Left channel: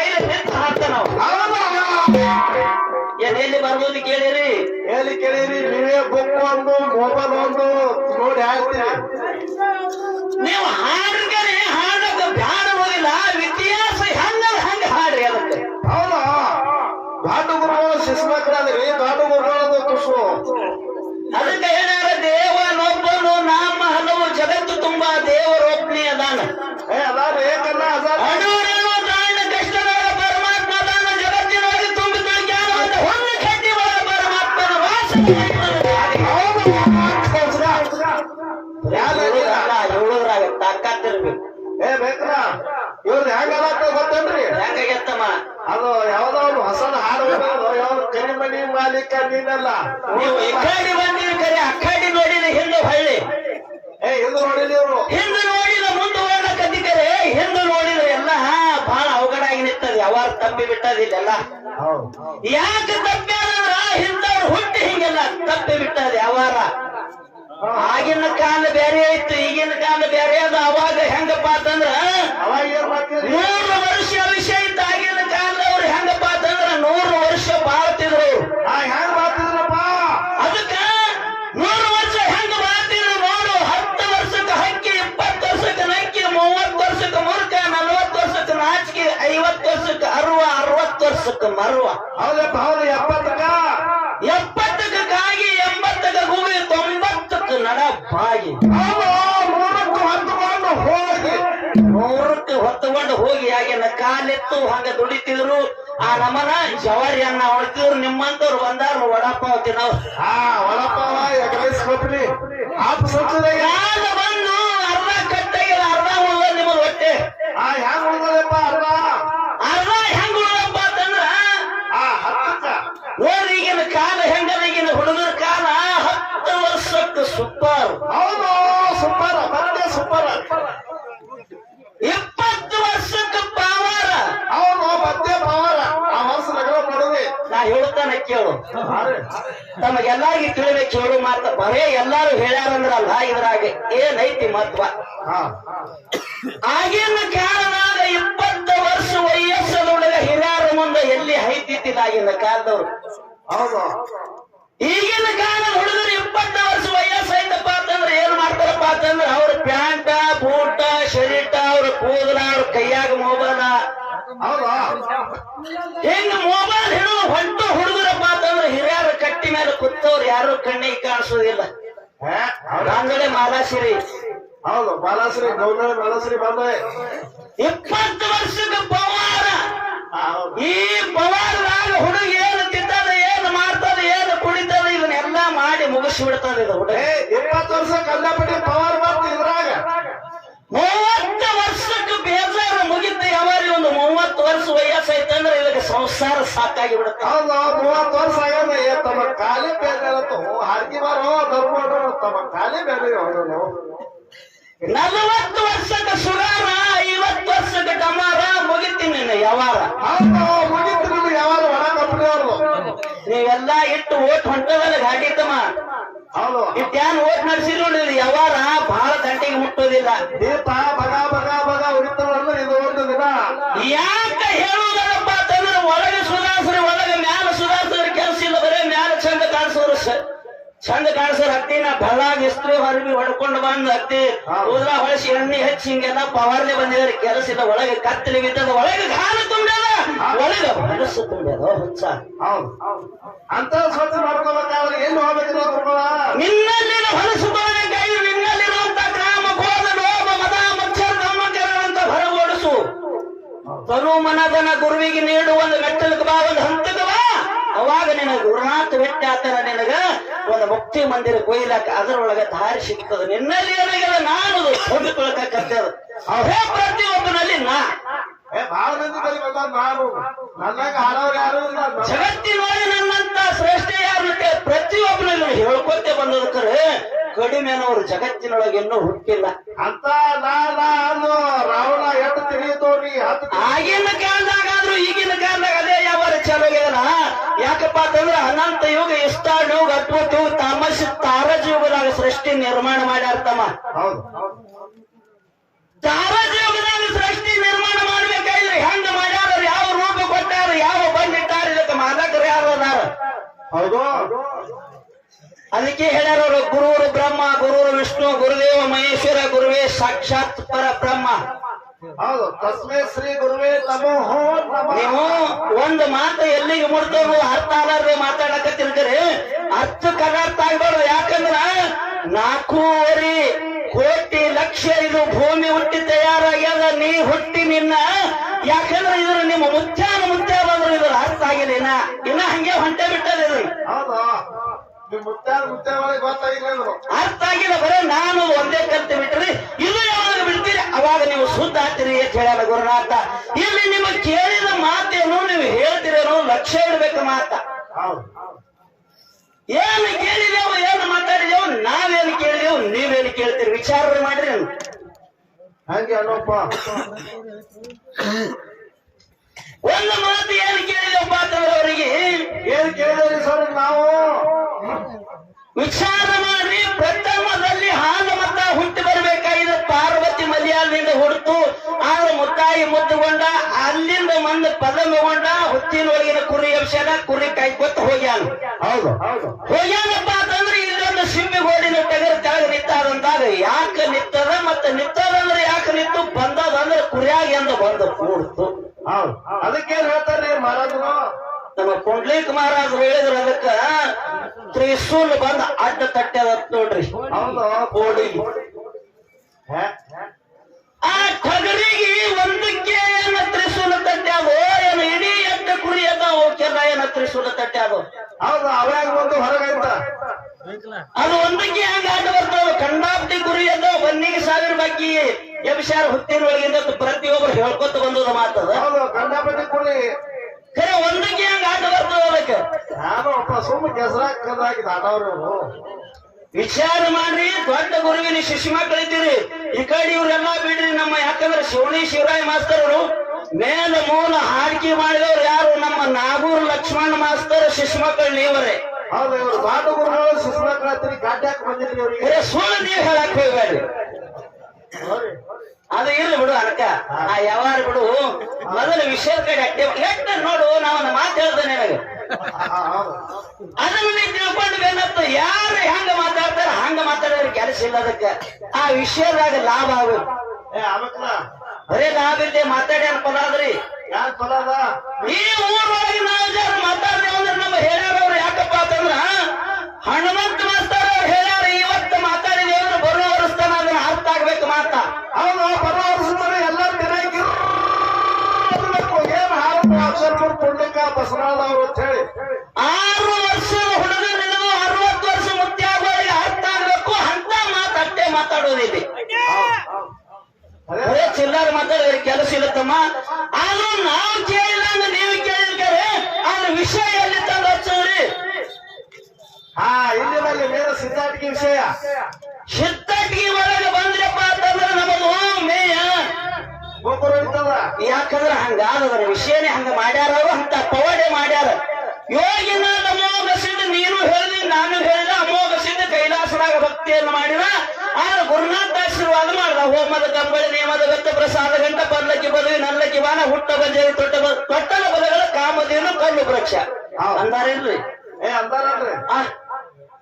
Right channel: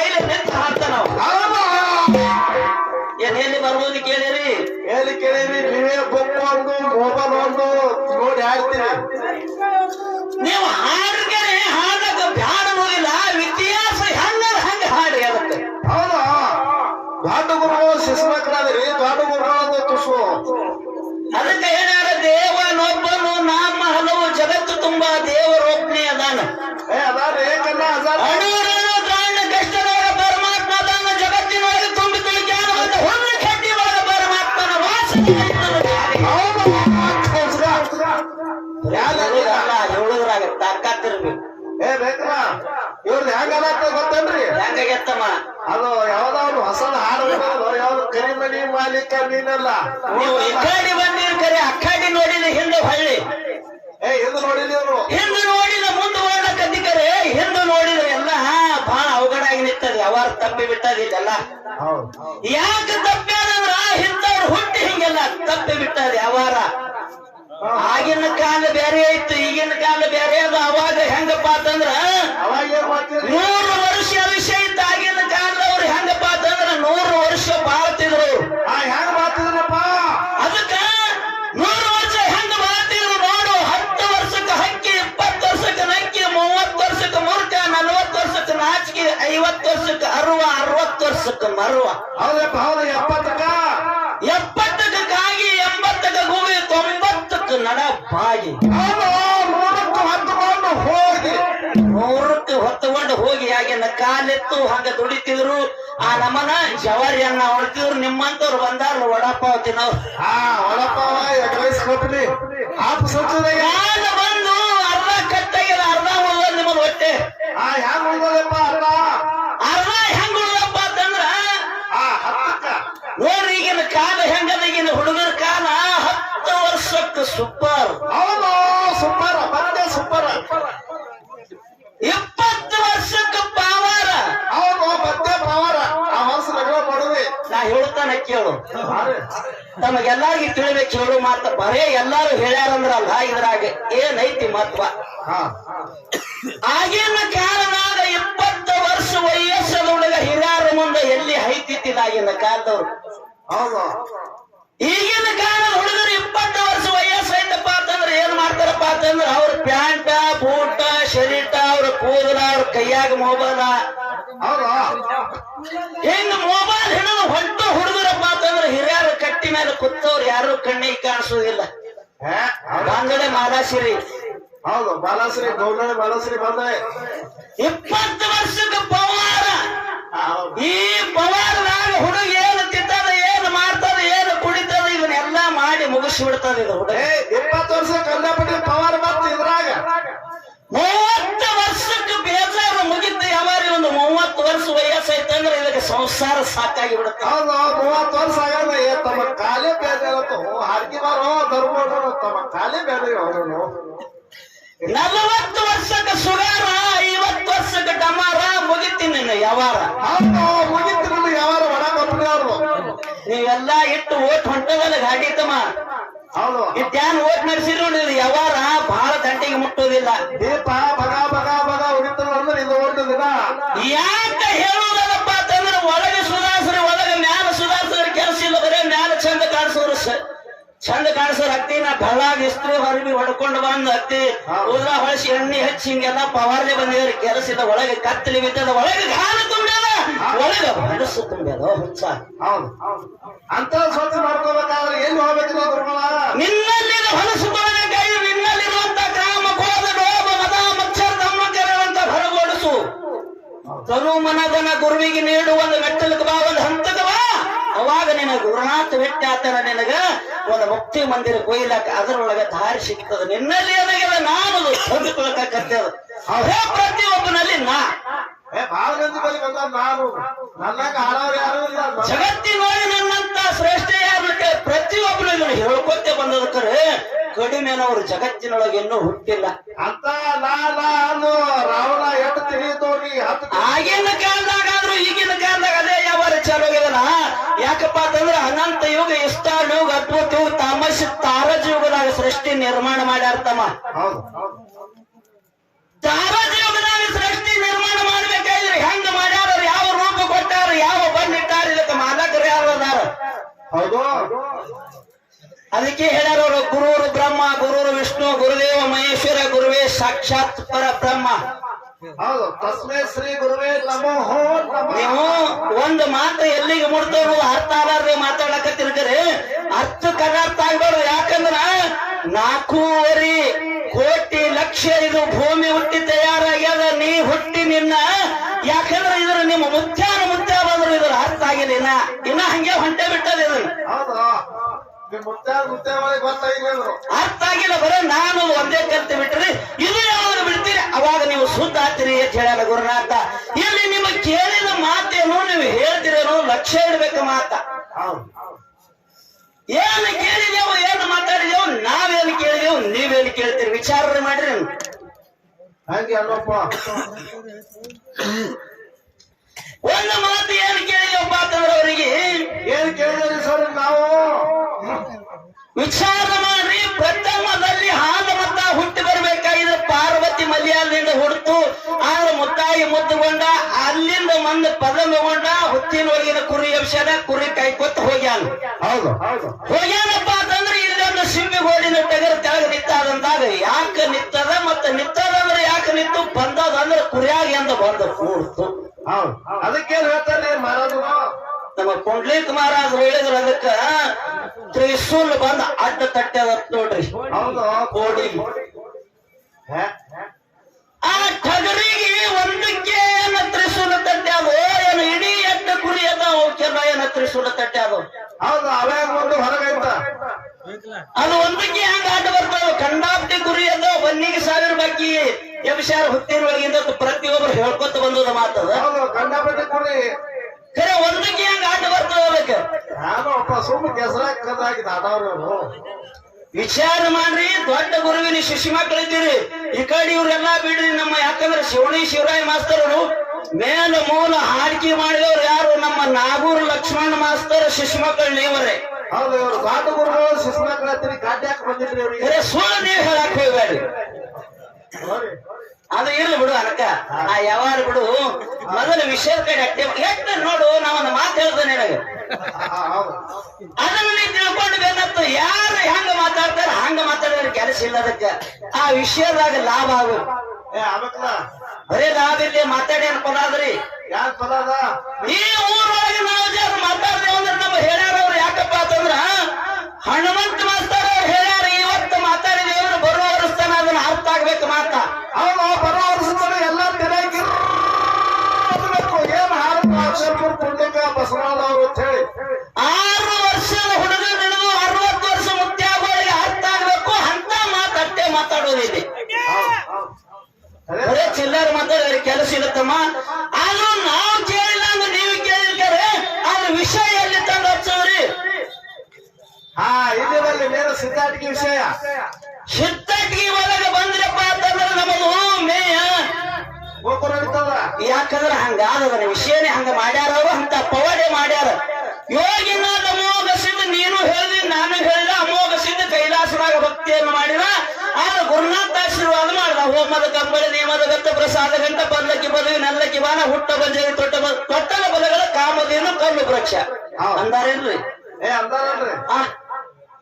ಬಾಯಿಲೆ ನಿಂತು ಇವ್ರದ್ದು ಅಂತ ಗೊತ್ತೇನ್ರಿ ಹೆಂಗಾಗತ್ತಮ್ಮ ಅದು ಯಾವ್ದೋ ಒಂದು ಹೊಸ ಹಾಡು ಯಾವ್ದು ಕರಿಮಣಿ ಮಾಲೀಕ ನೀನಲ್ಲ ನೀವು ಈ ಕಡೆ ಬಂದಿರ ಕರೆ ಆ ಕಡೆ ನೋಡಿದ ಹಿಂದೆ ಹೊಳ್ಳಿ. ಏ ಇದು ನೋಡಿಲಿ ಇವ್ರು ಹಿಂದೆ ನೋಡಿದ ಮುಂದೆ ಓಡಕತ್ತಿಕರೆ ಹಿಂದೆ ನೋಡಿದ್ರೆ ಎಲ್ಲ ಬಹಳ ಅವಘಡಾಗಿ ನಿಂತದೆ ಅವಾರ ತಪ್ಪಿ ಬಿಟ್ಟದಿಲ್ಲ ಹೌದು. ಯಾಕೆ ತಪ್ಪ್ಯಾರಂದ್ರ ಹಿಂದವ್ರು ಹಿಂಗೆಲ್ಲ ತಪ್ಪಿ ಬಿಟ್ಟದೆ ಅವಾರ? ಆಗಿನ ಕಾಲ ಬೇರೆ ಇತ್ತು ಈಗಿನ ಕಾಲ ಬೇರೆ ಅದು. ಅವಾಗ ಹೆಂಗಪ್ಪ ಅಂತಂದ್ರ ನೂರು ವರ್ಷ ವಿಷಯ ಇತ್ತು ಆಗಿನ ಕಾಲದವ್ರು ಹೆಂಗಪ್ಪ ಅಂತಂದ್ರ ನೂರು ವರ್ಷ ಬಾಳ್ತಿದ್ರು. ಹೆಂಗ ಮಾಡ್ತಿದ್ರಪ್ಪ ಅದಕ್ಕ ನೂರು ವರ್ಷ ಹೆಂಗ ಬಾಳ್ತಿದ್ರು ನೋಡು. ಹತ್ತು ವರ್ಷಕ್ಕೆ ಹಕ್ಕಿ ಇಪ್ಪತ್ತು ವರ್ಷಕ್ಕೆ ನಕ್ಕಿ ಮೂವತ್ತು ವರ್ಷಕ್ಕೆ ಮುರುಕ ನಲ್ವತ್ತು ವರ್ಷಕ್ಕೆ ನಾಚಿಕೆ ಐವತ್ತು ವರ್ಷಕ್ಕೆ ಅರುವ ಅರವತ್ತು ವರ್ಷಕ್ಕೆ ಮರುವ. ಹೌದಪ್ಪ ಹೌದು ಎಪ್ಪತ್ತಕ್ಕ? ಎಪ್ಪತ್ತಕ್ಕೆ ಕಾಲೆತ್ತು ಹಂಗ ದುಡಿತಿದ್ರು. ಆ ನಮ್ಮನ ಜವಾರಿಯನ್ನ ಹೊಡ್ತಿದ್ರು. ನಿಮ್ಮಂತವ್ರು ಬಂದಾರ ವಡಪಾವ್ ತಿನ್ನವ್ರು ಒಳಪ್ಪವ ಎಗಲೇಸ್ ಕೊಟ್ರಿ. ಆಪ ಕಾಲ ಬಂದು ಅರ್ಧ ಕಟ್ಟಾಗಿಲ್ಲ ಅರ್ಧ ಉಳ್ಳ ನಿಮ್ಮ ಹೊಟ್ಟೆ? ಆ ಹೆಂಗ್ ಉಳ್ದದಪ್ಪ ಅರ್ಧ? ಅರ್ಧ ಹೆಂಗ್ ಉಳ್ದಪ್ಪ ಅಂತಂದ್ರ ಓರ್ ಈಗಿನ ಕಾಲ ಹೆಂಗದ ಈಗಿನ ಹುಡುಗರ ಕಾಲ ಹತ್ತು ವರ್ಷಕ್ಕೆ ಸೂಪರ್ ಹೇಳ್ತಾನೆ ತಮಗೆಲ್ಲಾರಿಗೆ ತಿಳಿಬೇಕು ಹೇಳು ಮಾತ ಬರೇ ಎಲ್ಲಾರು ಹೇಳ್ಯಾರಂದ್ರಲ್ಲ ಇದ್ರಾಗ. ಏನೈತಿ ಮಹತ್ವ ಆಗಿನ ಕಾಲನಾದ ಇಪ್ಪತ್ತು ವರ್ಷ ವಯಸ್ಸದ ಹುಡುಗ ಹಿರಿಯರ ಮುಂದೆ ಎಲ್ಲಿ ಹೈತಿತ್ತಿಲ್ಲ ಆಗಿನ ಕಾಲದವ್ರು? ಈಗಿನ ಕಾಲ ಹುಡುಗರು ಇಪ್ಪತ್ತು ವರ್ಷ ವಯಸ್ಸು ಹಿಂಗ ಮೊಬೈಲ್ ಹಿಡಿದು ಹೊಂಟ ಹುಡುಗರಪ್ಪ ಅಂತಂದ್ರೆ ಹಿರಿಯರ ಕಟ್ಟಿ ಮೇಲೆ ಕುತ್ತವ್ರು ಯಾರು ಕಣ್ಣಿಗೆ ಕಾಣಿಸೋದಿಲ್ಲ. ಹಂಗಡೆ ಮಾಲಾಸಿರಿ ಹೌದು ಬಾಲಶ್ರೀ ಗೌಡ ಬಾಲಶ್ರೀ ಬಂದ ಇಪ್ಪತ್ತು ವರ್ಷಕ್ಕೆ ಪವಾರ ಈ ಪವಾರದಾಗ ಹುಡುಗ ಏನು ತಿಂತದ ಏನು ಮಾಡ್ತದ ಏನು ಕುಡಿತದ ಇದನ್ನೆಲ್ಲ ಮಾಡಿ ಮುಗಿಸಿ ಬಿಡ್ತದ ಇದು ಹುಡುಗ. ಇಪ್ಪತ್ತು ವರ್ಷ ಕಂಡಪಟ್ಟಿ ಪವರ್ ಸಂಸಾರ ಸಾಕಾಗಿ ಬಿಡುತ್ತೆ ಹೌದು ಮೂವತ್ತು ವರ್ಷ ಆಗಲ್ಲ ಏ ತಮ್ಮ ಕಾಲೇ ಬೇರೆ ಹಾರ್ಗಿ ಬಾರೋ ಧರ್ಮ ತಮ್ಮ ಕಾಲೇ ಬೇರೆ ಅವನು ನಲವತ್ತು ವರ್ಷದ ಸುಗಾರ ಐವತ್ತು ವರ್ಷದ ಡಮಾರ ಮುಗಿತೀನಿ ಯಾವಾರ. ಹೌದು ಯಾವಾರ ಒಣ ಕಂಪನಿ ಅವ್ರದ್ದು ನೀವೆಲ್ಲ ಇಟ್ಟು ಓಟ್ ಹೊಂಟದಲ್ಲ ಗಾಡಿ ತಮ್ಮ ಹೌದು. ಇಟ್ಯಾನ್ ಓಟ್ ನಡೆಸಿದ್ರು ಯಾವಾರ ಬಹಳ ಗಂಟೆಗೆ ಮುಟ್ಟೋದಿಲ್ಲ. ದೀಪ ಚಂದ ಕಾಣಿಸೋರು ಹತ್ತಿನ ಬಳ್ಳಾಗ ಇಸ್ತ್ರಿ ಹೊರಬಿ ಹೊಡ್ಕೊಂಡು ಬಂದು ಹತ್ತಿ. ಉದ್ರ ಹೊಳಸಿ ಎಣ್ಣೆ ಹೆಚ್ಚಿ ಹಿಂಗೆಲ್ಲ ಪವಾರ್ನೆ ಬಂದಿದ್ರೆ ಕೆಲಸದ ಒಳಗೆ ಕತ್ತಲಿ ಬಿದ್ದದ ಒಳಗೆ ಗಾನ ತುಂಬ್ಯದ ಒಳಗೆ ಮನಸ್ಸು ತುಂಬ್ಯದ ಹುಚ್ಚ. ಹೌದು. ಅಂತ ಸ್ವಚ್ಛ ಮಾಡ್ಕೋಬೇಕಾದ್ರೆ ಏನು ಹೋಗ್ಬೇಕು ಗುರುಗಳ? ನಿನ್ನಲ್ಲಿನ ಹೊಲಸು ತೊಳೆದಾಗಿ ನಿನ್ನಲ್ಲಿರುವಂತ ಕಾಮ ಕ್ರೋಧ ಲೋಭ ಮದ ಮಚ್ಚರ ಧರ್ಮಕರವಂತ ಹೊರಗೋಡಿಸು. ತನು ಮನದನ ಗುರುವಿಗೆ ನೀಡುವ ಒಂದು ಮೆಟ್ಟಲಕ್ಕೆ ಬಾಗದ ಬಾ ಅವಾಗ ನಿನಗೆ ಗುರುನಾಥ ವ್ಯಕ್ತಿ ಆತನ ನಿನಗ ಒಂದು ಮುಕ್ತಿ ಮಂದಿರ ಕೊಯ್ಲಕ್ಕ ಅದರೊಳಗೆ ದಾರಿ ಸಿಗ್ತದ. ನಿನ್ನಲ್ಲಿ ಏನಾಗಿಲ್ಲ ನಾನು ಹೊಂದಿಕೊಳ್ಳಕತ್ತದ ಅವೇ ಪ್ರತಿಯೊಬ್ಬನಲ್ಲಿ ನಾ. ಜಗತ್ತಿನೊಳಗೆ ನನ್ನಂತ ಶ್ರೇಷ್ಠ ಯಾರು ಪ್ರತಿಯೊಬ್ಬನಿಗೂ ಹೇಳ್ಕೊತ್ತೆ ಬಂದದಕ್ಕರೆ ಕಡಿಮೆನವರು ಜಗತ್ತಿನೊಳಗೆ ಇನ್ನೂ ಹುಟ್ಟಿಲ್ಲ. ಅಂತ ನಾನು ರಾವಣ ಎಟ್ಟು ತಿಳಿದೋನಿ ಹತ್ತು. ತಿ- ಆಗಿನ ಕಾಲದಾಗಾದ್ರೂ ಈಗಿನ ಕಾಲದಾಗ ಅದೇ ಯಾವ ಚಲೋ ಆಗಿದನ ಯಾಕಪ್ಪ ಅಂತಂದ್ರೆ ಅನಂತ ಯುಗ ಇಷ್ಟಾರ್ ಯುಗ ಅದ್ಭುತ ಯುಗ ತಾಮಸ ತಾರಜ ಯುಗದಾಗ ಸೃಷ್ಟಿ ನಿರ್ಮಾಣ ಮಾಡ್ಯಾರ ತಮ್ಮ ತಾರಜ ಯುಗದಾಗ ಸೃಷ್ಟಿ ನಿರ್ಮಾಣ ಮಾಡ್ಬೇಕಾದ್ರೆ ಹೆಂಗ್ ಮಾಡ್ಯಾರ ಯಾವ ರೂಪ ಕೊಟ್ಟಾರ ಯಾವ ಬಂದಿಟ್ಟಾರ ಇದಕ್ಕೆ ಮಾಲಕರು ಯಾರು ಅದಾರ? ಹೌದು. ಅದಕ್ಕೆ ಹೇಳಾರ ಗುರುರು ಬ್ರಹ್ಮ ಗುರುರು ವಿಷ್ಣು ಗುರುದೇವ ಮಹೇಶ್ವರ ಗುರುವೇ ಸಾಕ್ಷಾತ್ ಪರ ಬ್ರಹ್ಮ ಹೌದು. ತಸ್ಮೇ ಶ್ರೀ ಗುರುವೇ ನಮೋ ನಮೋ. ಒಂದು ಮಾತು ಎಲ್ಲಿಗೆ ಮುಡ್ತವ್ರು ಅರ್ಥ ಆಲಾರ್ದೆ ಮಾತಾಡಕತ್ತಿರ್ತಾರೆ. ಅರ್ಥ ಕರಾರ್ಥ ಆಗ್ಬಾರ್ದು ಯಾಕಂದ್ರ ನಾಲ್ಕೂವರೆ ಕೋಟಿ ಲಕ್ಷ ಇದು ಭೂಮಿ ಹುಟ್ಟಿ ತಯಾರಾಗ್ಯದ. ನೀ ಹುಟ್ಟಿ ನಿನ್ನ. ಯಾಕಂದ್ರೆ ಇದ್ರ ನಿಮ್ಮ ಮುತ್ಯಾನ ಮುತ್ಯ ಬಂದ್ರು ಇದ್ರ ಅರ್ಥ ಆಗಿಲ್ಲ. ಇನ್ನ ಇನ್ನ ಹಂಗೆ ಹೊಂಟೆ ಬಿಟ್ಟದ ಇದು ಹೌದು ನಿಮ್ ಮುತ್ತಾರ ಮುತ್ತೆ ಒಳಗೆ ಗೊತ್ತಾಗಿಲ್ಲ ಅಂದ್ರು ಅರ್ಥ ಆಗಿಲ್ಲ ಬರೇ ನಾನು ಒಂದೇ ಕಲ್ತು ಬಿಟ್ರಿ ಇಲ್ಲಿ ಯಾವಾಗ ಬಿಡ್ತೀರಿ? ಅವಾಗ ನೀವು ಸುದ್ದ ಆಗ್ತೀರಿ ಅಂತ ಹೇಳಲ್ಲ ಗುರುನಾಥ. ಇಲ್ಲಿ ನಿಮ್ಮ ಕೇಳಿದ ಮಾತೇನು ನೀವು ಹೇಳ್ತಿರೋ ಲಕ್ಷ್ಯ ಇಡ್ಬೇಕು ಮಾತ. ಏನು ಕೇಳಿದೆವು ಏನು ಮಾತಾಡಿದೆವು ನಾವೇನು ಕೇಳಿದೆವು ನೀವೇನು ಕೇಳ್ತೀರಿ? ವಿಚಾರ ಮಾಡ್ರಿ. ಹಂಗೆ ಅಲ್ಲಪ್ಪ ಒಂದು ಮಾತು ಏನು ಕೇಳಿದೆವು ಅಂತಂದ್ರೆ ಅವರಿಗೆ ಏನ್ ಕೇಳಿದ್ರಿ ಸರ್ ನಾವು? ವಿಚಾರ ಮಾಡಿ ಪ್ರಥಮದಲ್ಲಿ ಹಾಲು ಮತ ಹುಟ್ಟಿ ಬರಬೇಕಾಗಿದೆ. ಪಾರ್ವತಿ ಮಲ್ಯಾಲದಿಂದ ಹುಡ್ತು ಆದ್ರೆ ಮುತ್ತಾಯಿ ಮುದ್ದುಗೊಂಡ ಅಲ್ಲಿಂದ ಮಂದ ಪದ ಪದಮಗೊಂಡ ಹುತ್ತಿನೊಳಗಿನ ಕುರಿ ಅಂಶನ ಕುರಿ ಕೈಕೊತ್ತ ಹೋಗ್ಯಾನ. ಹೌದು. ಹೋಗ್ಯಾನಪ್ಪ ಅಂತಂದ್ರೆ ಇಲ್ಲೊಂದು ಸಿಂಬಿ ಗೋಡಿನ ಟಗರ್ ಕೆಳಗೆ ನಿತ್ತಾದಂದಾಗ ಯಾಕೆ ನಿತ್ತದ ಮತ್ತೆ ನಿತ್ತದಂದ್ರೆ ಯಾಕೆ ನಿತ್ತು ಬಂದದಂದ್ರೆ ಕುರಿಯಾಗ ಎಂದು ಬಂದು ಕೂಡ್ತು. ಹೌದು. ಅದಕ್ಕೇನ್ ಹೇಳ್ತಾರೆ ಮಹಾರಾಜರು ನಮ್ಮ ಪುಂಡ್ಲಿಕ್ ಮಹಾರಾಜ್ ಹೇಳಿದ್ರ ಅದಕ್ಕ. ತ್ರಿಶೂಲ್ ಬಂದ ಅಡ್ಡ ತಟ್ಟದ ನೋಡ್ರಿ. ಹೌದು. ಕೋಡಿ? ಆ ಟಗರಿಗೆ ಒಂದಕ್ಕೆ ಏನ ತ್ರಿಶೂಲ ತಟ್ಟ್ಯಾದು ಏನು ಇಡೀ ಎಡ್ಡ ಕುರಿ ಅದ ಅವಕ್ಕೆಲ್ಲ ಏನ ತ್ರಿಶೂಲ ತಟ್ಟ್ಯಾದು ಹೌದು ಅವಾಗ ಒಂದು ಹೊರಗೈತ. ಅದು ಒಂದಕ್ಕೆ ಹಂಗ ಅಡ್ಡ ಬರ್ತಾವ ಕಂಡಾಪಟ್ಟಿ ಕುರಿ ಅದ ಬನ್ನಿಗೆ ಸಾವಿರ ಬಾಕಿ. ಎಬ್ಸಾರ ಹುತ್ತಿನೊಳಗಿಂದ ಪ್ರತಿಯೊಬ್ಬರು ಹೇಳ್ಕೊತ ಬಂದದ ಮಾತದ ಹೌದು ಕಂಡಾಪಟ್ಟಿ ಕುರಿ. ಖರೆ ಒಂದಕ್ಕೆ ಹಂಗ ಆಟ ಬರ್ತಾವ ಅದಕ್ಕೆ. ಒಬ್ಬ ಸುಮ್ಮ ಕೆಸರಾಗ ಕದಾಗಿ ದಾಟವ್ರು ವಿಚಾರ ಮಾಡ್ರಿ ದೊಡ್ಡ ಗುರುವಿನ ಶಿಶು ಮಕ್ಕಳಿದ್ದೀರಿ ಈ ಕಡೆ ಇವ್ರೆಲ್ಲಾ ಬಿಡ್ರಿ ನಮ್ಮ ಯಾಕಂದ್ರೆ ಶಿವಣಿ ಶಿವರಾಯ ಮಾಸ್ತರರು ಮೇಲ ಮೂಲ ಹಾಡಿಕೆ ಮಾಡಿದವ್ರು ಯಾರು? ನಮ್ಮ ನಾಗೂರ್ ಲಕ್ಷ್ಮಣ ಮಾಸ್ತರ್ ಶಿಶು ಮಕ್ಕಳು ನೀವರೇ. ಹೌದು ಇವ್ರು ದೊಡ್ಡ ಗುರುಗಳು ಶಿಷ್ಯ ಮಕ್ಕಳ ಗಾಡ್ಯಾಕ್ ಬಂದಿದ್ರಿ ಸುಳ್ಳು ನೀವು ಹೇಳಕ್ ಹೋಗ್ಬೇಡಿ. ಅದು ಇರ್ಲಿ ಬಿಡು ಅನಕ. ಆ ಯಾವಾರ ಬಿಡು. ಮೊದಲ ವಿಷಯದ ಕಡೆ ಅಟ್ಟೆ ನೋಡು ನಾವೊಂದು ಮಾತು ಹೇಳ್ತೇನೆ ನಿನಗೆ. ಆ, ಅದನ್ನ ನೀ ತಿಳ್ಕೊಂಡು ಬೇನತ್ತು ಯಾರು ಹೆಂಗ ಮಾತಾಡ್ತಾರ ಹಂಗ ಮಾತಾಡೋ ಕೆಲಸ ಇಲ್ಲ ಅದಕ್ಕೆ. ಆ ವಿಷಯದಾಗ ಲಾಭ ಆಗು. ಬರೇ ಲಾಭ ಇಲ್ಲದೆ ಮಾತಾಡಿ ಪದ ಅದ್ರಿ ಯಾರ ಪದ ಅದ? ಈ ಊರೊಳಗೆ ನಾವು ಜನ ಮಾತಾಡ್ತೇವೆ ಅಂದ್ರೆ ನಮ್ಮ ಹೇಳ್ಯಾರ ಅವ್ರು ಯಾಕಪ್ಪ ಅಂತಂದ್ರ ಹನುಮಂತ ಮಾಸ್ತಾರ ಅವ್ರು ಯಾಕಂದ್ರೆ ಹಂಗಾದವರ ವಿಷಯನೇ ಹಂಗ ಮಾಡ್ಯಾರ ಅವ್ರು ಅಂತ ಪವಾಡೆ ಮಾಡ್ಯಾರ. ಯೋಗಿನ ಅಮೋಘ ಸಿದ್ಧ ನೀನು ಹೇಳ್ದಿ ನಾನು ಹೇಳಿದ ಅಮೋಘ ಸಿದ್ಧ ಕೈಲಾಸನಾಗ ಭಕ್ತಿಯನ್ನು ಮಾಡಿದ. ಆದ್ರೆ ಗುರುನಾಥ ಆಶೀರ್ವಾದ ಮಾಡ್ದ. ಹೋಮದ ಕಂಬಳಿ ನೇಮದ ಗತ್ತ ಪ್ರಸಾದ ಗಂಟ ಬದಲಕ್ಕೆ ಬದಲಿ ನಲ್ಲಕ್ಕಿ ಬಾನ ಹುಟ್ಟ ಬಂಜರಿ ತೊಟ್ಟ ತೊಟ್ಟಲ ಬಲಗಳ ಕಾಮಧೇನು ಕಲ್ಲು ವೃಕ್ಷ. ಅಂದಾರೇನ್ರಿ? ಆ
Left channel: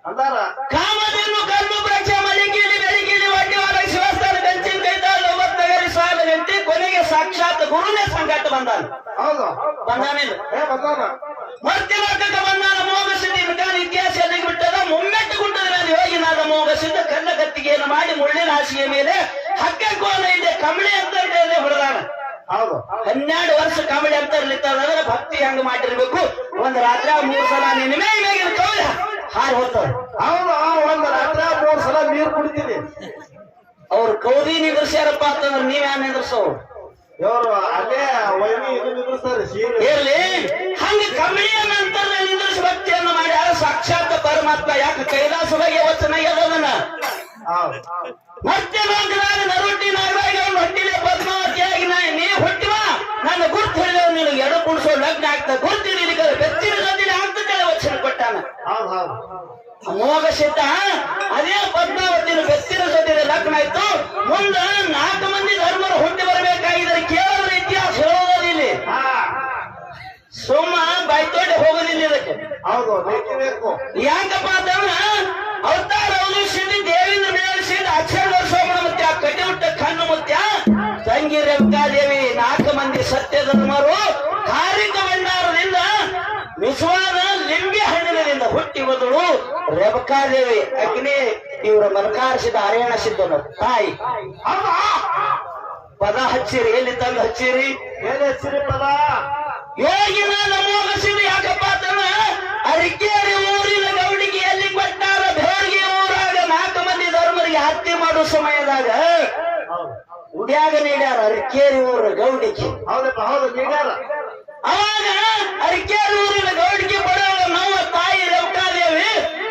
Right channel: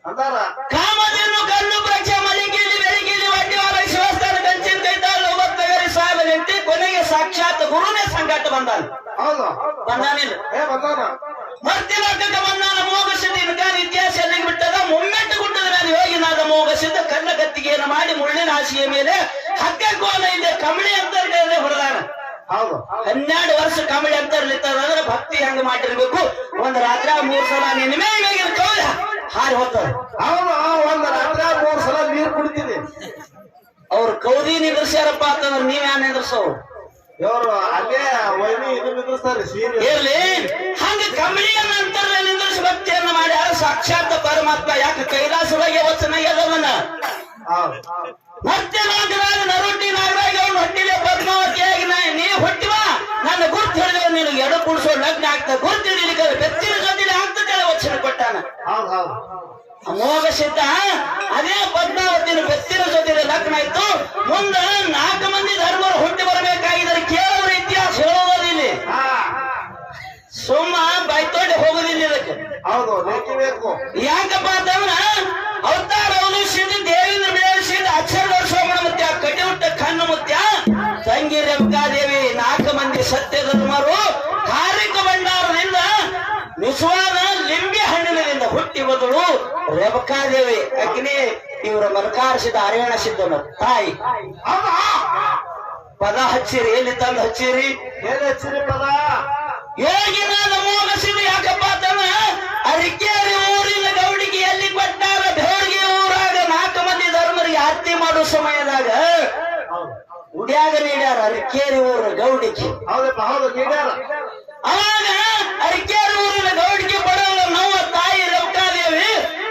ಅಂದಾರ? ಕಾಮಧೇನು ಕಲ್ಲು ವೃಕ್ಷ. ಗುರುನೇ ಸಂಗಾಟ ಬಂದಾನ. ಹೌದು. ಬಂದಾನಿಲ್ಲ ಮತ್ತಿನ ಬಂದಾನ? ಮೋಗ ಸಿದ್ಧ ಇತಿಹಾಸ ಎಲ್ಲಿಗೆ ಬಿಟ್ಟದ? ಮುಮ್ಮೆಟ್ಟು ಗುಡ್ಡದ್ರೆ ಅದು ಯೋಗಿನಾದ ಮೋಗ ಸಿದ್ಧ ಕಣ್ಣ ಕತ್ತಿಗೆಯನ್ನು ಮಾಡಿ ಮುಳ್ಳಿನ ಹಾಸಿಗೆ ಮೇಲೆ ಹಕ್ಕ ಕೋಲ ಇದೆ ಕಮಳಿ ಅಂತ ಹೊಡೆದಾನ ಹೌದು. ಹನ್ನೆರಡು ವರ್ಷ ಕಮಳಿ ಅಂತ ಇರ್ಲಿತ್ತಂದ್ರೆ ಭಕ್ತಿ ಹೆಂಗ್ ಮಾಡಿರ್ಬೇಕು. ಒಂದ್ ರಾತ್ರ ಮೂರ್ ಸಲ ನಿನ್ನ ಮೇಲೆ ಕೌಲ ಹಾರಿ ಹೋಗ್ತಾರೆ ಹೌದು ಒಂದ್ ರಾತ್ರ ಮೂರ್ ಸಲ ನೀರು ಕುಡಿತೀನಿ. ಅವ್ರ ಕೌದಿ ನಿಂದ್ರಸ್ಯಾರಪ್ಪ ಅಂತಂದ್ರೆ ನೀವ್ ಯಾನ್ ಇವರು ಅಲ್ಲೇ ವೈನಿ ಇದು ನಿಂದ್ರಿಸ್ತಾರೆ ಸೀರೆ. ಇರ್ಲಿ. ಹಂಗ ಮಾಡ್ಯಾರ ಸಾಕ್ಷಾತ್ ಪರಮಾತ್ಮ. ಯಾಕೆ ಕೈಲಾಸವಾಗಿ ವಚನ ಎಲ್ಲವನ್ನ ಮತ್ತೆ ನಾಗರಾಜ ನರುಟ್ಟಿ ನಾಗರಾಜ ಅವ್ನು ಹೊಟ್ಟಿದೆ ಪದ್ಮಾವತಿಯಾಗಿ ನಾ ನೀ ಹೊಟ್ಟಿವ. ನನ್ನ ಗುರ್ತು ಹೇಳಿದ್ರೆ ನೀನು ಎಡ ಕುಡಿಸೋ ಲಗ್ನ ಆಗ್ತದೆ. ಗುರ್ತು ವಚನ ಅಮೋಘ ಸಿದ್ಧ ಅದೇ ಪದ್ಮಾವತಿನ ಬೆತ್ತಿನ ಜೊತೆಗೆ ಲಗ್ನ ಇತ್ತು. ಮುಂದ ನಾಲ್ಕು ಮಂದಿ ಧರ್ಮರು ಹುಟ್ಟಿ ಬರಬೇಕಾಗಿದ್ದಾರೆ ಕೇಳೋದ್ರ ಇತಿಹಾಸ ಹೇಳೋದಿಲ್ಲ ಸುಮ್ಮ ಸುಮ್ಮ ತೋಟ ಹೋಗೋದಿಲ್ಲ ಇದಕ್ಕೆ. ಬೇಕೇ ಯಾಕಪ್ಪ ಅಂತಂದ್ರ ಅವತಾರ ದೇವಿಂದ್ರ ಮೇಲೆ ಬೆಳೆಸಿದ ಅಕ್ಷರ ಸೋಮನ ಮುತ್ಯ ಕಟಿಯುಟ್ಟ ಕಣ್ಣು ಮುತ್ಯ. ತಂಗಿ ದೇವಿ ನಾಲ್ಕು ಮಂದಿ ಸತ್ಯ ಧರ್ಮರು. ಬದಲು ರೇವಕಾದೇವಿ ಅಗ್ನಿ ಇವರ ಮನಕಾರಿಸಿದ ಹರಿಯಾಣ ಸಿದ್ಧನು ತಾಯಿ. ಪದ ಹಚ್ಚಿರಿ. ಎಲ್ಲಿ ತಂದು ಹಚ್ಚಿರಿ? ಎಲ್ಲಿ ಹಚ್ಚಿರಿ ಪದ? ಯೋಗಿನ ನಮೋಗಸಿದ್ರು ಯಾಕಪ್ಪ ತನ್ನ ಅರಿಕೇರಿ ಊರಿನ ಗೌಡಿಗೆ ಎಲ್ಲಿ ಕೊಟ್ಟಾರ ಬೇರ್ಗೆ ಊರಾಗ ನಾಲ್ಕು ಮಂದಿ ಧರ್ಮರಿಗೆ ಹತ್ಯೆ ಮಾಡೋ ಸಮಯದಾಗ ಉಡ್ಯಾಗ ನೀಡ್ಯಾರ ಅರಿಕೇರಿ ಊರ ಗೌಡಿಗೆ. ಹೌದಪ್ಪ ಹೌದು ನೀಡ್ಯಾರ. ಅವಾಗ ಅರಿಕೇರಿ ಊರಿನ ಗೌಡಿಗೆ ಬಡವಳ ನಮ್ಮ ತಾಯಿ ರೇವಕಾದೇವಿ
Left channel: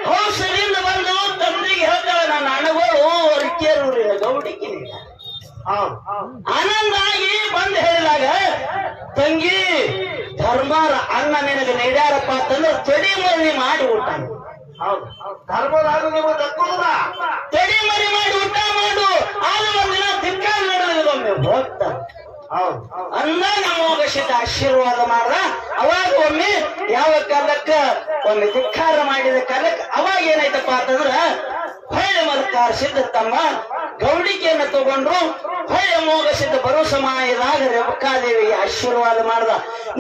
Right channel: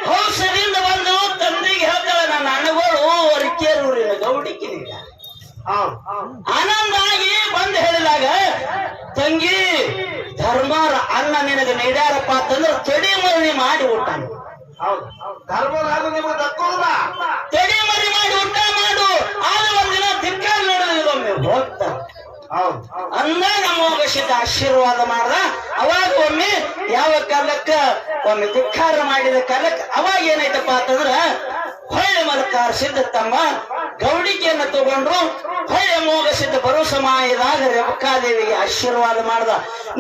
ಹೌಸದಿಂದ ಬಂದು ತಂದೆಗೆ ಹೇಳ್ತಾಳೆ ನನ್ನ ಅಣಗಳು ಅರಿಕೇರಿ ಊರಿನ ಗೌಡಿಗೆ ನೀಡ ಹೌದು ಆನಂದ ಆಗಿ ಬಂದು ಹೇಳಿದಾಗ ತಂಗಿ ಧರ್ಮರ ಅನ್ನ ನಿನಗೆ ಅಂತಂದ್ರೆ ತೊಡಿ ಮರಿ ಮಾಡಿ ಊಟ. ಹೌದು ಧರ್ಮದಾಗ ನಿಮಗೆ ದಕ್ಕೋದಿಲ್ಲ ತೊಡಿ ಮರಿ ಮಾಡಿ ಊಟ ಮಾಡು. ಆಗ ಒಂದಿನ ತಿಕ್ಕಾಲ್ ನಡೆದಿಲ್ಲೊಮ್ಮೆ ಹೋಗ್ತ. ಹೌದು ಅಂದಾಗ ಅಮಾವಾಸ್ಯಕ್ಕೆ ಆಶೀರ್ವಾದ ಮಾಡ್ದ ಅವಾಗ ಒಮ್ಮೆ ಯಾವ ಕಾಲಕ್ಕ ಒಮ್ಮೆ ಧಿಕ್ಕಾರ ಮಾಡಿದ ಕಾಲಕ್ಕೆ ಅವಾಗ ಏನಾಯ್ತಪ್ಪ ಅಂತಂದ್ರ ಹೊಳ್ಳೆ ಮಲ್ಕಾರ ಸಿದ್ಧ ತಮ್ಮ ಗೌಡಿಕೆಯನ್ನ ತಗೊಂಡ್ರು. ಹೊಯ್ಯ ಮೋಗ ಸಿದ್ಧ ಬರೋ ಸಮಯದಾಗ ರೇವಕಾದೇವಿಗೆ ಆಶೀರ್ವಾದ ಮಾಡ್ದ.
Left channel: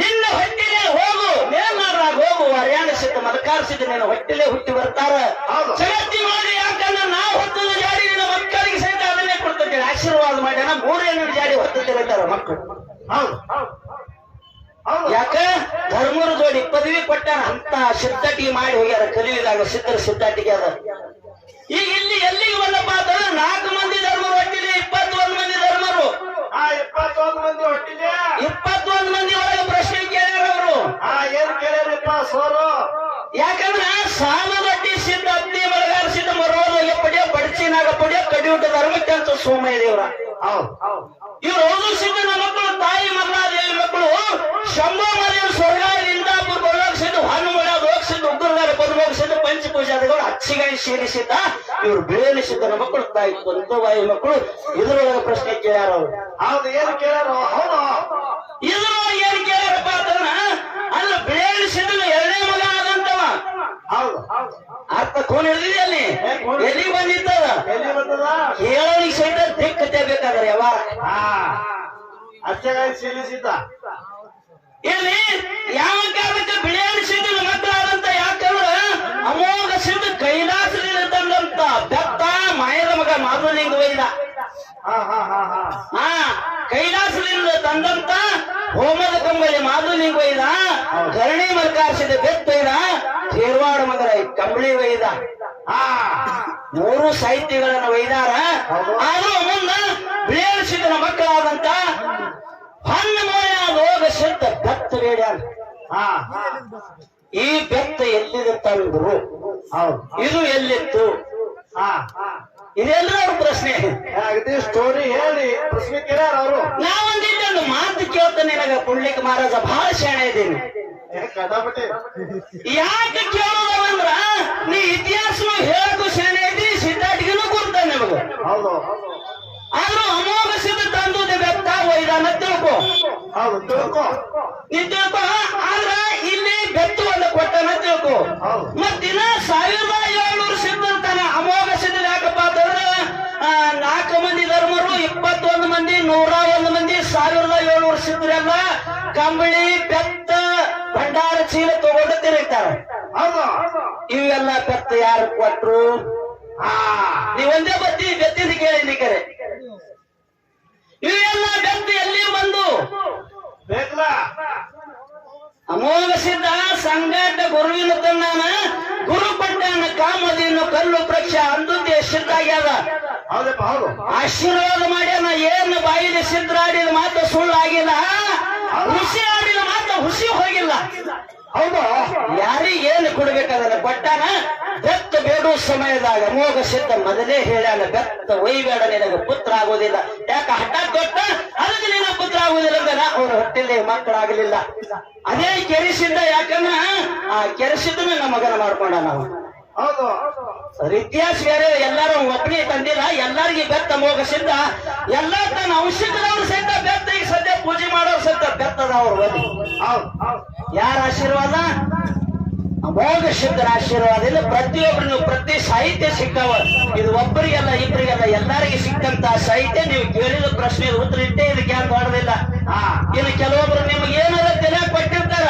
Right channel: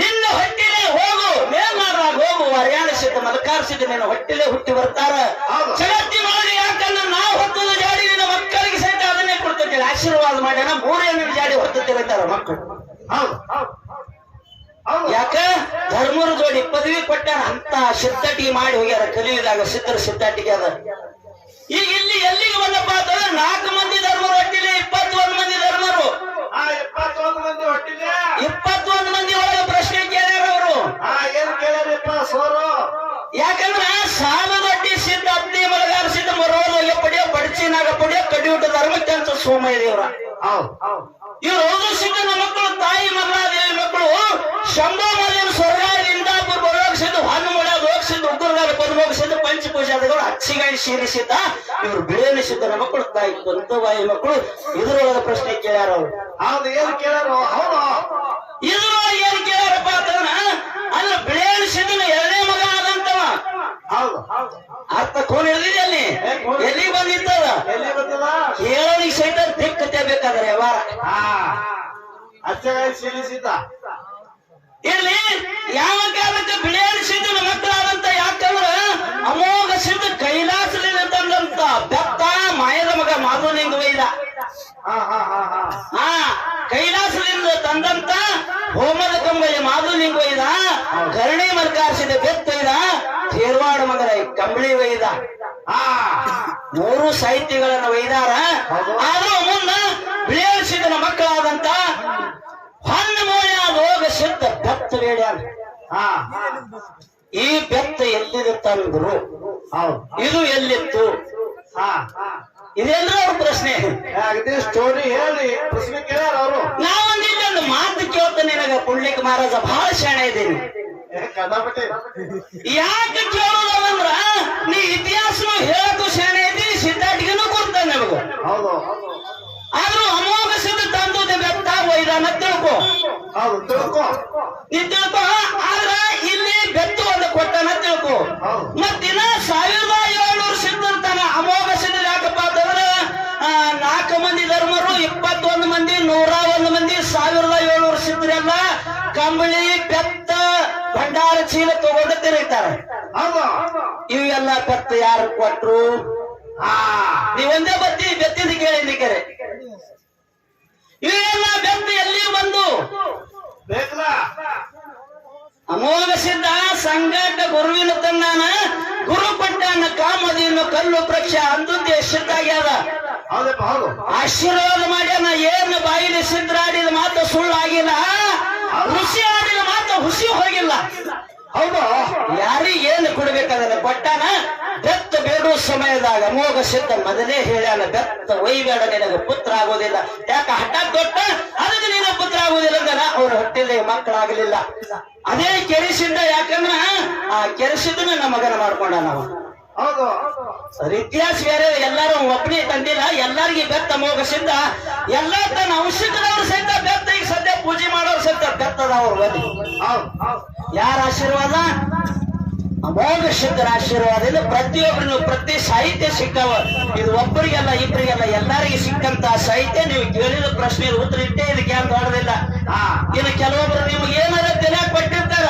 ನಿನ್ನ ಹೊಟ್ಟಿಲೆ ಹೋಗು ಮೇಲ್ನಾಡ್ರಾಗ ಹೋಗು ಹರಿಯಾಣ ಸಿದ್ಧ ಮದಕಾರ ಸಿದ್ಧ ನಿನ್ನ ಹೊಟ್ಟಿಲೆ ಹುಟ್ಟಿ ಬರ್ತಾರ. ಚಲತಿ ಮಾಡಿ ಯಾಕಂದ್ರೆ ನಾವು ಹೊತ್ತದ ಜಾಡಿ ನಿನ್ನ ಮಕ್ಕಳಿಗೆ ಸಹಿತ ಅದನ್ನೇ ಕೊಡ್ತಿದ್ದೇವೆ ಆಶೀರ್ವಾದ ಮಾಡ್ಯಾನ ಮೂರು ಎಣ್ಣೆ ಜಾಡಿ ಹೊತ್ತುತ್ತಿರ್ತಾರ ಮಕ್ಕಳು. ಹೌದು. ಯಾಕ? ಧರ್ಮರ ಜೋಡಿ ಪದವಿ ಕೊಟ್ಟಾರ ಅಂತ ಸಿದ್ಧಟಿ ಮಾಡಿ ಹೋಗ್ಯಾರ. ಕಲಿಯುದಾಗ ಸಿದ್ಧರ ಸಿದ್ಧಟಿಗೆ ಅದ. ಈಗ ಇಲ್ಲಿ ಎಲ್ಲಿಗೆ ಬಂದಪ್ಪ ಅಂತಂದ್ರೆ ನಾಲ್ಕು ಮಂದಿ ಧರ್ಮರು ಹೊಟ್ಟಿಲಿ ಇಪ್ಪತ್ತೊಂದು ಮಂದಿ ಧರ್ಮರು. ಆ ಇಪ್ಪತ್ತೊಂದು ಮಂದಿ ಹೊಟ್ಟಿದೆ ಇಪ್ಪತ್ತೊಂದು ಮಂದಿ ಒಳಗೆ ಪ್ರಶ್ನೆ ಕೇಳ್ಯಾರ ಅವರು. ಆ ಏನ್ ಕೇಳ್ಯಾರಿಪ್ಪ ಸೋರು? ಯಾಕಂದ್ರೆ ಸಾಮದೊಡ್ಡಿ ಸಿದ್ಧ ಅಗ್ನಿ ಮಲಗಾರ ಸಿದ್ಧ ಮರೋದೊಳಗೆ ಪಡಿಯೋ ಬಡಚಿನಾಗ ಪಡಿಯೋ ಕಡಿಯೂಟ ಧರ್ಮಕ್ಕೆ ಅಂತ ಸೋಮಯ್ಯ ದೇವ್ರ ಹೌದು. ಹೌದು ಇವ್ರು ಓದು ಸಿದ್ಧನ ಮಕ್ಕಳು ತಾಯಿ ಮಲ್ಲಾದೇವಿ ಮಕ್ಕಳು ಶಂಭೋ ಪಂಚಪೂಜಾದಿಗಳು ಶೀಲಿಸಿದ್ದ ಸೇರಿಸಿದ್ದ ಬೇರೆ ಬೇಲಿಸಿದ್ದನ ಮಕ್ಕಳು ತಾಯಿ ಬಾಯಿ ಮಕ್ಕಳು ಇದ್ರೊಳಗೆ ಪ್ರಶ್ನೆ ಕೇಳ್ಯಾರ ಅವ್ರು. ಹೌದು ಏನ್ ಕೇಳ್ಯಾರ? ಹೌದು. ಇದ್ರೊಳಗೆ ಏನ್ ಕೇಳ್ಯಾರಪ್ಪ ಅಂತಂದ್ರ ಅಲ್ಲ ಬೇಲಿಸಿದ್ದನ ಎರಡನೇ ಮಗ ಆದಂತವ. ಹೌದು. ಅರ್ಥ ಕೋನ್ ಹಿಡಿದಿದೆ ಅಲ್ಲಿ? ಎಲ್ಲಿ ಬಂದಿದ್ದದ? ಎಲ್ಲಿ ಬಂದದ ಕೇಳಿ ಸಹಿತ ದಿಕ್ಕತೆ ಬೇಕಾದ್ರೆ ಯಾವಾಗ ಅಚ್ಚಗಾಗಿ ಸೀಲಿಸಿದ್ದ ಇಲ್ಲಿ ಯಾವ ಕಾಲಕ್ಕೆ ಸಿದ್ಧನ ಮಕ್ಕಳಾದಂತ ಯಾಕಂದ್ರ ಅಮೋಘ ಮಾಧುಲಿಂಗ ವೈದ ಹಾ ಕೈಲಾಸದಿಂದ ತಂದಂತ ಹೋಮದ ಕಂಬಳಿ ಮಾಧುಲಿಂಗ ವೈದ ಕರ್ಣಿ ಮಲ್ಕಾರಿಸಿದ ಬೆತ್ತೈದ ಶೇರ್ವಾಡ ಮಗರ ಕಂಬಳಿ ವೈದ ಆ ಮೂರು ಸಾಹಿತ್ಯಗಳನ್ನು ಒಯ್ದಾರ. ಆದ್ರೂ ಮುನ್ನ ಬಿಳಿಯಾಡಿ ಸಿದ್ಧನ ಮಕ್ಕಳಾದಂತ ಹೊನ್ನ ಮೋಯ ಲೋಕ ಸಿದ್ಧ ಬೆತ್ತ ಬೇಡ್ಯಾನ ಈ ಬೆತ್ತ ಎಲ್ಲಿದೆ ತಂದ್ರು ಇದು ಎಲ್ಲಿತ್ತು? ಹಾ. ಇದೆಲ್ಲ ಅವ್ರ ಪ್ರಶ್ನೆ. ಸ್ಟೋರಿ ಹೇಳಿ ಪ್ರಶ್ನೆ ಕೇಳಾರ ಅವರು. ನಾವೊಂದಿಲ್ಲೊಂದು ಮಾತು ಕೇಳ್ತ ನಿನಗ ಪುಂಡ್ಲಿಕ್ ಮಹಾರಾಜ ಬಹಳ ಶಾಣೆ ಇದ್ದೀನಿ. ಯಾಕೆ ಕೇಳೋದಂದ್ರ ನೀ ಇತಿಹಾಸ ಹೇಳಕ್ಕೂ ಶಾಣೆ ಐತಿ ಸಿದ್ಧಾರ್ಥಿಗೂ ಕೊಡ್ತಾನೆ ನಿಮಗ ಹೌದು. ಆದ್ರೂ ಅಮೋಘ ಸಿದ್ಧ ತಂದು ಬೆತ್ತ ಒಯ್ದಾನ ತಿಳ್ಕೊ. ಹೌದು ತಿಳ್ಕೊ. ನೀ ತಿಳ್ಕೊ ಆದ್ರ ಇಲ್ಲಿ ಬೆತ್ತು ಒಂದು ಕೊಟ್ಟನ ತಿಳ್ಕೊ. ಮತ್ತಿನ ಕಂಬಳಿ ಬೆತ್ತ ಭಂಡಾರ ಚೀಲ ತಗೊಂಡು ತಿರುಗ್ತಾರ ಇವೆಲ್ಲ ಬೆತ್ತ ಯಾರು ಕೊಟ್ರು? ನೀವೊಂದೇ ಬತ್ತಿ ಬೆತ್ತಿದ ಕೇಳಿ ಕರೆ ಇವೆಲ್ಲ ಬೆತ್ತ ಎಲ್ಲಿ ಬಂದು? ಅಮೋಘ ಸಿದ್ಧ ಸಂಘಟ ಗುರುವಿನ ತಂದಾನ ಗುರು ಪಟ್ಟಾನ ಕಾಮದಿಯನ್ನು ಕಲ್ಲು ಪ್ರಕ್ಷ ಅಂದು ಸಿದ್ಧ ಆಗ್ಯಾದ. ಹೌದಪ್ಪ ಹೌದು. ಆಶೀರ್ವಾದ ಮಾಡ್ಯಾನ ಏನು ಬಾಯಿಲಿ ಸಿದ್ರಾಡಿದ ಮಾತು ಸುಳ್ಳು ಆಗಿಲ್ಲ ಹುಸಿ ಆಗಿಲ್ಲ ಮಾತ್ರ ಹುಸಿ ಹೋಗಿಲ್ಲ. ಹೌದು, ಯಾರಿಗೆ ಏನು ಕೊಡ್ಬೇಕಾದ್ರೆ ಕೊಟ್ಟಾನ ಬೆತ್ತ ಬೇಡುವ ಸಮಯದಾಗ ಮೋಗ ಸಿದ್ಧ ಮೊದಲೇ ಹೇಳ್ಯಾನ, ಬೆತ್ತ ಒಯ್ಬೇಡ ನಿನಗೆ ಪುತ್ರ ಆಗೋದಿಲ್ಲ ಯಾಕ ಹಠ ಕೊಟ್ಟ ಅದಕ್ಕೆ ನಿನ್ನ ಪುತ್ರ ಆಗೋದಿಲ್ಲ ಅಂದ್ರೆ ಅವ್ರ ಹೊಟ್ಟೆಲಿ ಮಕ್ಕಳಾಗಲಿಲ್ಲ. ಅದೇ ಕೆರೆಸಿದ್ದ ಯಾಕಂದ್ರ ಆ ಕೆರೆಸಿದ್ದನ್ನ ನಮ್ಮ ಮಗನ ಮಾಡ್ಕೊಂಡ ನಾವು ಇತಿಹಾಸ ಬೇರೆ ಎಲ್ಲಾರು ಒಬ್ಬನೇ ತಂದಿಲ್ಲ. ಎಲ್ಲಾರ್ಗಿ ಬೆತ್ತ ಮೋಗಸಿದ್ದ ಎಲ್ಲ ತನ್ನ ಅಂಶಿಕದವ್ರು ಸಹಿತ ಬೆತ್ತ ಈಗ ಸದ್ಯ ಪೂಜೆ ಮಾಡೋರು ಸಹಿತ ಬೆತ್ತದ ಅವ್ರ ಯಾರ ಆಶೀರ್ವಾದ? ಅಮೋಘ ಸಿದ್ಧರ ಆಶೀರ್ವಾದ. ಇಲ್ಲ ಪ್ರತಿಯೊಬ್ಬರು ಪ್ರತಿ ಸಾಹಿತ್ಯ ಸಿಕ್ಕವ ಇದು ಒಬ್ಬರಿಗೆಲ್ಲ, ಇಬ್ಬರಿಗೆಲ್ಲ ಎಲ್ಲರಿಗೆ ಸಿಕ್ಕಂತ ಸಾಹಿತ್ಯ. ನೀವು ಕೇಳಿದ ಪ್ರಶ್ನೆ ಉತ್ತರ ಇಟ್ಟೇ ಇದಕ್ಕೆ ಯಾರು ದೊಡ್ಡದಿಲ್ಲ ಹಾ ಇನ್ನು ಕೆಲವೊಬ್ರು ನಿಮ್ಗೆ ಏನಾರ ತಲೆ ಕೊಟ್ಟಿರ್ತಾರ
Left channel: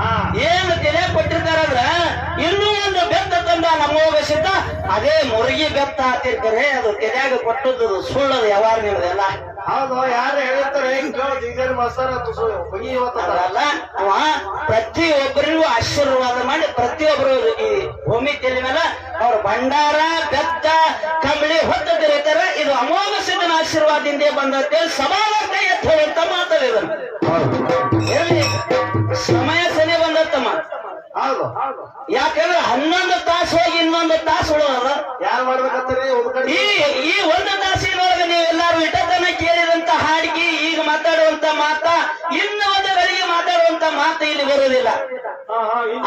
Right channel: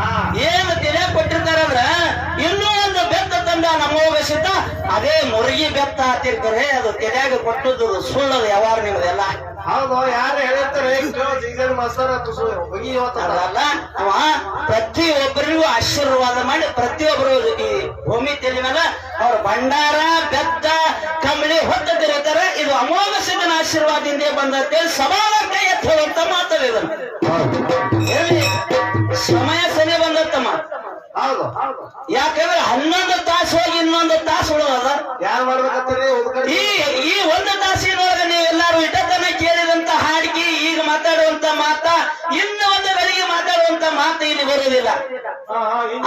ಹಾ ಏನು ತಲೆ ಕೊಟ್ಟಿರ್ತಾರ ಅಂದ್ರ ಇನ್ನೂ ಒಂದು ಬೆತ್ತ ತಂದ ನಮ್ಮೋಗ ಸಿದ್ಧ ಅದೇ ಬೆತ್ತ ಹಾಕಿರ್ತಾರೆ ಅದು ತಲೆಯಾಗ ಕೊಟ್ಟದ್ದು ಸುಳ್ಳದು ವ್ಯವಹಾರ ನಿಮ್ದೆಲ್ಲ ಹೌದು ಯಾರು ಹೇಳಿರ್ತಾರೆ ಮಾಸ್ತರ ಅದಲ್ಲ ಅವ ಪ್ರತಿಯೊಬ್ಬರಿಗೂ ಆಶೀರ್ವಾದ ಮಾಡಿ ಪ್ರತಿಯೊಬ್ಬರು ಈ ಭೂಮಿ ತೆಲಿ ಮೇಲೆ ಅವ್ರ ಭಂಡಾರ ಬೆತ್ತ ಕಂಬಳಿ ಹೊತ್ತ ತೆರೀತಾರೆ ಇದು ಅಮೋಘ ಸಿದ್ಧನ ಆಶೀರ್ವಾದದಿಂದ ಬಂದಂತೆ ಸಮಾನತೆ ಎತ್ತುವಂತ ಮಾತಾಡಿದ್ರು ಸಮಯ ಸರಿ ಬಂದತ್ತಮ್ಮ ಹೌದು. ಯಾಕಂದ್ರೆ ಹನ್ನೊಂದು ತಾಸು ಹೋಗಿ ಇನ್ನೊಂದು ತಾಸು ಉಳಿದದ? ಯಾರು ಮಾಡ್ಬೇಕಂತಾರೆ? ಈ ಈ ಒಂದು ತಾಸಿನೊಳಗೆ ನೀವೆಲ್ಲರೂ ಇಟತನ ಕೇಳಿದಂತ ಹಾಡಿಗೆ ಈಗ ಮಾತಾಡುವಂತ ಮಾತಾ ಇನ್ನು ಮಾತಾಡುವಂತ ಮಾತು ಇಲ್ಲಿ ಬರೋದಿಲ್ಲ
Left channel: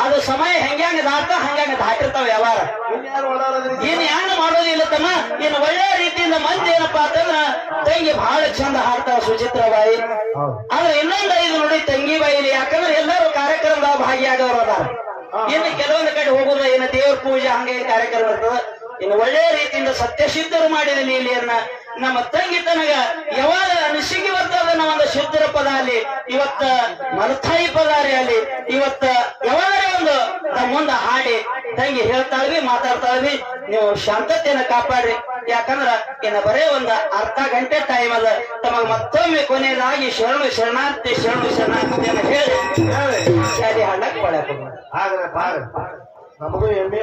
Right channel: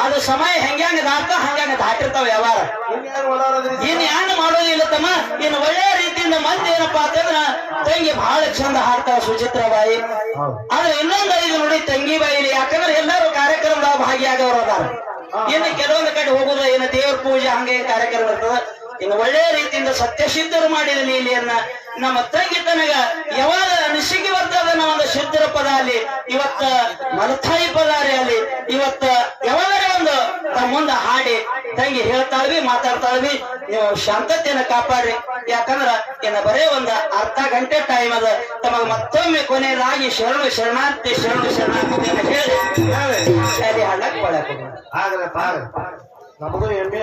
ಅದು ಸಮಯ ಹೆಂಗ್ಯಾಂಗ ದಾಟ ಹಂಗ್ಯಾಂಗ ದಾಟಿರ್ತಾವ ವ್ಯವಹಾರ. ಇನ್ ಯಾರು ಮಾಡೋದಿಲ್ಲ ತಮ್ಮ ಇನ್ ಒಳ್ಳೆ ರೀತಿಯಿಂದ ಮಂದಿ ಏನಪ್ಪಾ ಅಂತಂದ್ರ ತಂಗಿ ಬಹಳ ಚಂದ ಹಾಡ್ತಾವ ಸುಚಿತ್ರ ಬಾಯಿ. ಹೌದು. ಆದ್ರೆ ಇನ್ನೊಂದು ಐದು ನೋಡಿ ತಂಗಿ ಬಾಯಿಲಿ ಯಾಕಂದ್ರೆ ಎಲ್ಲರೂ ಕಾರ್ಯಕ್ರಮದಾಗ ಭಾಗಿಯಾಗವ್ರ ಅದಾರ. ಇನ್ನು ಕೆಲವೊಂದು ಕಡೆ ಹೋಗುದ ಏನ ದೇವ್ರ ಪೂಜೆ ಹಂಗೇನ್ ಕಾರ್ಯಕ್ರಮ ಇರ್ತದ. ಇನ್ನು ಒಳ್ಳೆ ರೀತಿಯಿಂದ ಸತ್ಯಸಿದ್ಧರು ಮಾಡಿದ ಲೀಲೆಯನ್ನ ನಮ್ಮ ತಂಗಿ ತನಗ ಯಾವಾಗ ನಿಶಿಗೆ ಬರ್ತದ ಒಂದು ಶುದ್ಧರ ಪದ ಅಲ್ಲಿ ಇವತ್ತ ಮಲತಾಯಿ ಪದಾರಿ ಅಲ್ಲಿ ಇವತ್ತ ಯಾವಾಗ ಒಂದು ಮುಂದೆ ಹಾಡಿ ತಂಗಿ ಹೇಳ್ತಾಳ್ವಿ ಮಾತಾಡ್ತಾಳ್ವಿ ನೀವು ಶಾಂತತೆಯನ್ನ ಕಾಪಾಡ್ರಿ. ಯಾಕಂದ್ರ ಇನ್ನ ಬರೇ ಒಂದು ಅರ್ಧ ಗಂಟೆ ಟೈಮ್ ಅದ ತಮಗ ಮತ್ತೊಮ್ಮೆ ಕೊನೆಯದಾಗಿ ಶರಣು ಶರಣಾರ್ಥಿ ಶರಣು ಶರಣಾರ್ಥಿ ಹೇಳಿ ಹೇಳಿ. ಬಳಕೆ ಹಾಡಕ್ ಪಡಕ್ ಬಾರ ನಮಗೂ ಎಮ್ಮೆ